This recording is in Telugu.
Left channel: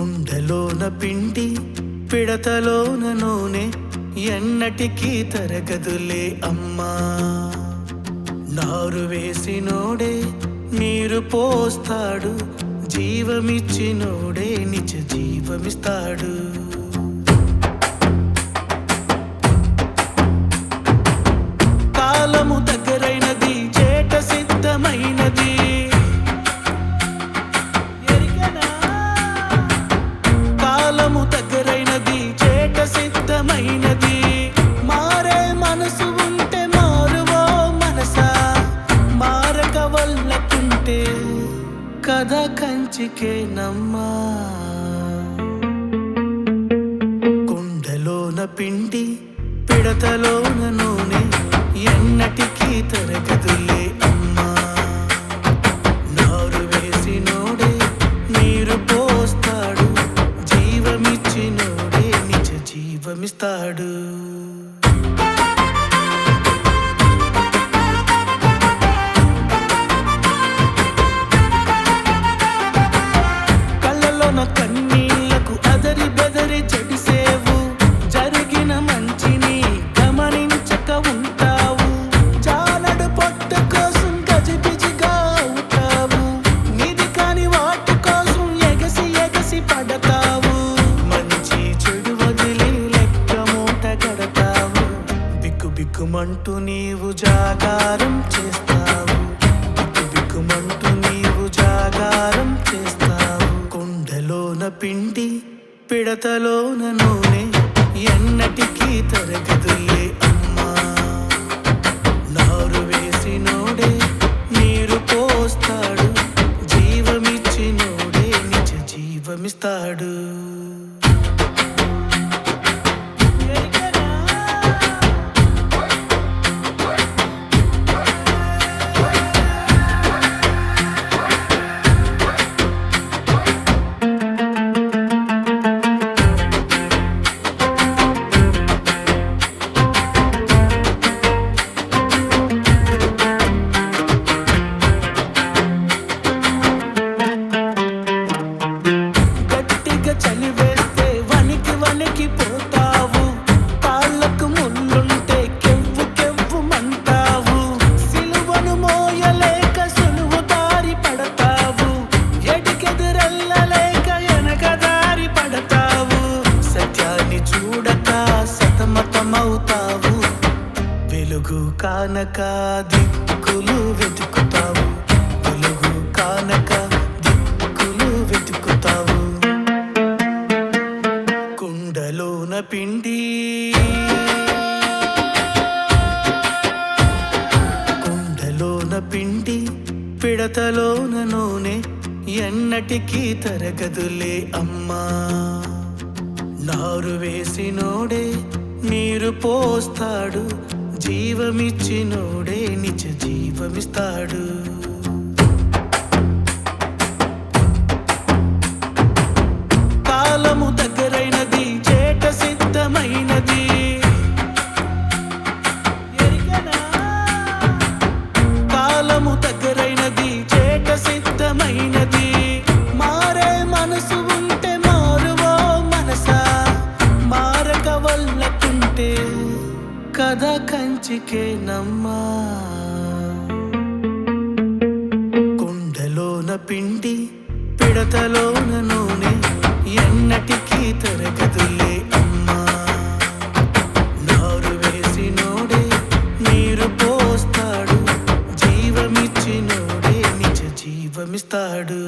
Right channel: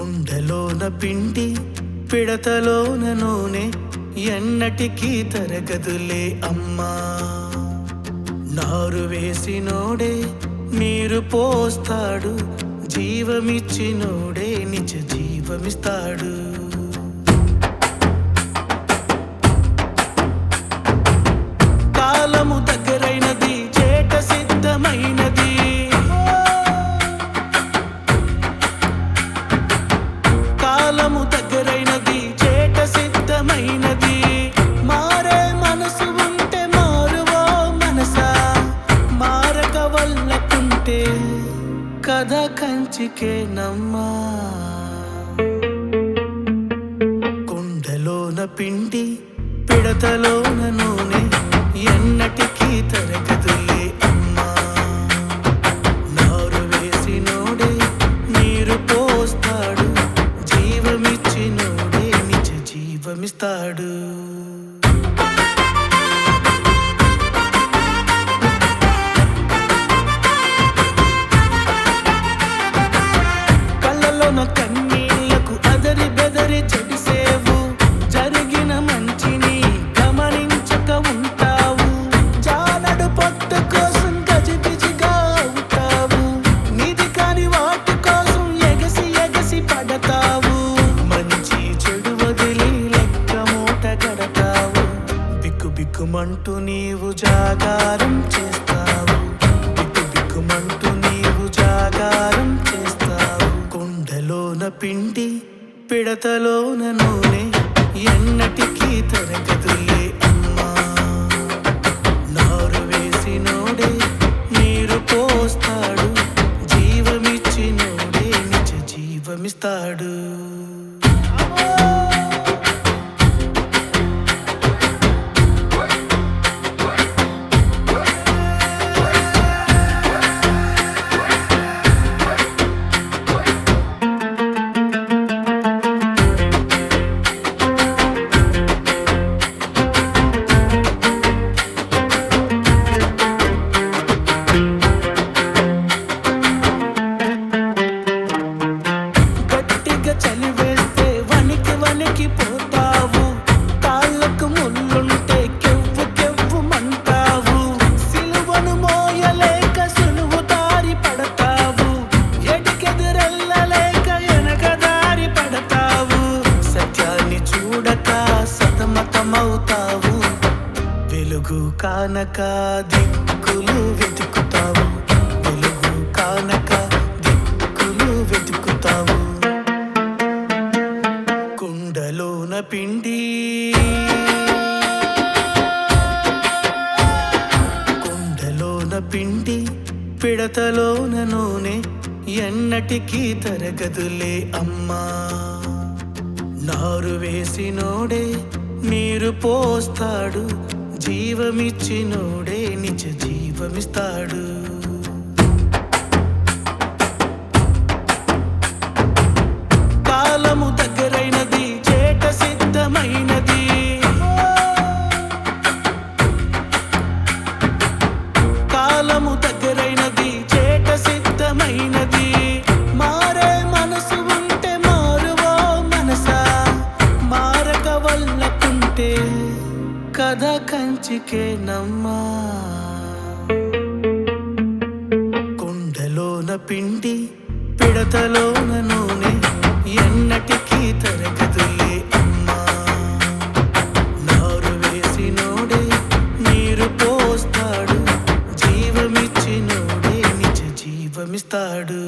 కుండలోన పిండి పిడతలోన నూనె ఎన్నటికీ తరగదులే అమ్మా. నారు వేసినోడే నీరు పోస్తాడు, జీవమిచ్చినోడే నిజ జీవమిస్తాడు. కాలము దగ్గరైనది, చేట సిద్ధమైనది. కాలము దగ్గరైనది, చేట సిద్ధమైనది. మారే మనసు ఉంటే మారువో మనసా, మారక వల్లకుంటే కథ కంచికేనమ్మా. కుండలోన పిండి పిడతలోన నూనె ఎన్నటికీ తరగదులే అమ్మా. నారు వేసినోడే నీరు పోస్తాడు, జీవమిచ్చినోడే నిజ జీవమిస్తాడు. కళ్ళలోన కన్నీళ్లకు అదరి బెదరి చెడిసేవు, జరిగిన మంచిని గమనించక ఉంటావు. జానడు పొట్ట కోసం గజిబిజిగా అవుతావు, నిధి కాని వాటి కోసం ఎగసి ఎగసి పడతావు. మంచి చెడు వదిలి లెక్క మూట గడతావు, బిక్కు బిక్కుమంటూ నీవు జాగారం చేస్తావు. బిక్కు బిక్కుమంటూ నీవు జాగారం చేస్తావు. కుండలోన పిండి పిడతలోన నూనె ఎన్నటికీ తరగదులే అమ్మా. నారు వేసినోడే నీరు పోస్తాడు, జీవమిచ్చినోడే నిజ జీవమిస్తాడు. చలివేస్తే వనికి వనికి పోతావు, కాళ్ళకు ముళ్ళుంటే కెవ్వు కెవ్వు మంటావు. సిలువను మోయలేక సులువు దారి పడతావు, ఎడికెదురెళ్ళలేక వెనక దారి పడతావు. సత్యాన్ని చూడక సతమతమవుతావు, వెలుగు కానక దిక్కులు వెతుకుతావు. వెలుగు కానక దిక్కులు వెతుకుతావు. కుండలోన పిండి కుండలోన పిండి పిడతలోన నూనె ఎన్నటికీ తరగదులే అమ్మా. నారు వేసినోడే నీరు పోస్తాడు, జీవమిచ్చినోడే నిజ జీవమిస్తాడు. కాలము దగ్గరైనది, చేట సిద్ధమైనది. కాలము దగ్గరైనది, చేట సిద్ధమైనది. మారే మనసు ఉంటే మారువో మనసా, మారక వల్లకుంటే కథ కంచికేనమ్మా. కుండలోన పిండి పిడతలోన నూనె ఎన్నటికీ తరగదులే అమ్మా. నారు వేసినోడే నీరు పోస్తాడు, జీవమిచ్చినోడే నిజ జీవమిస్తాడు.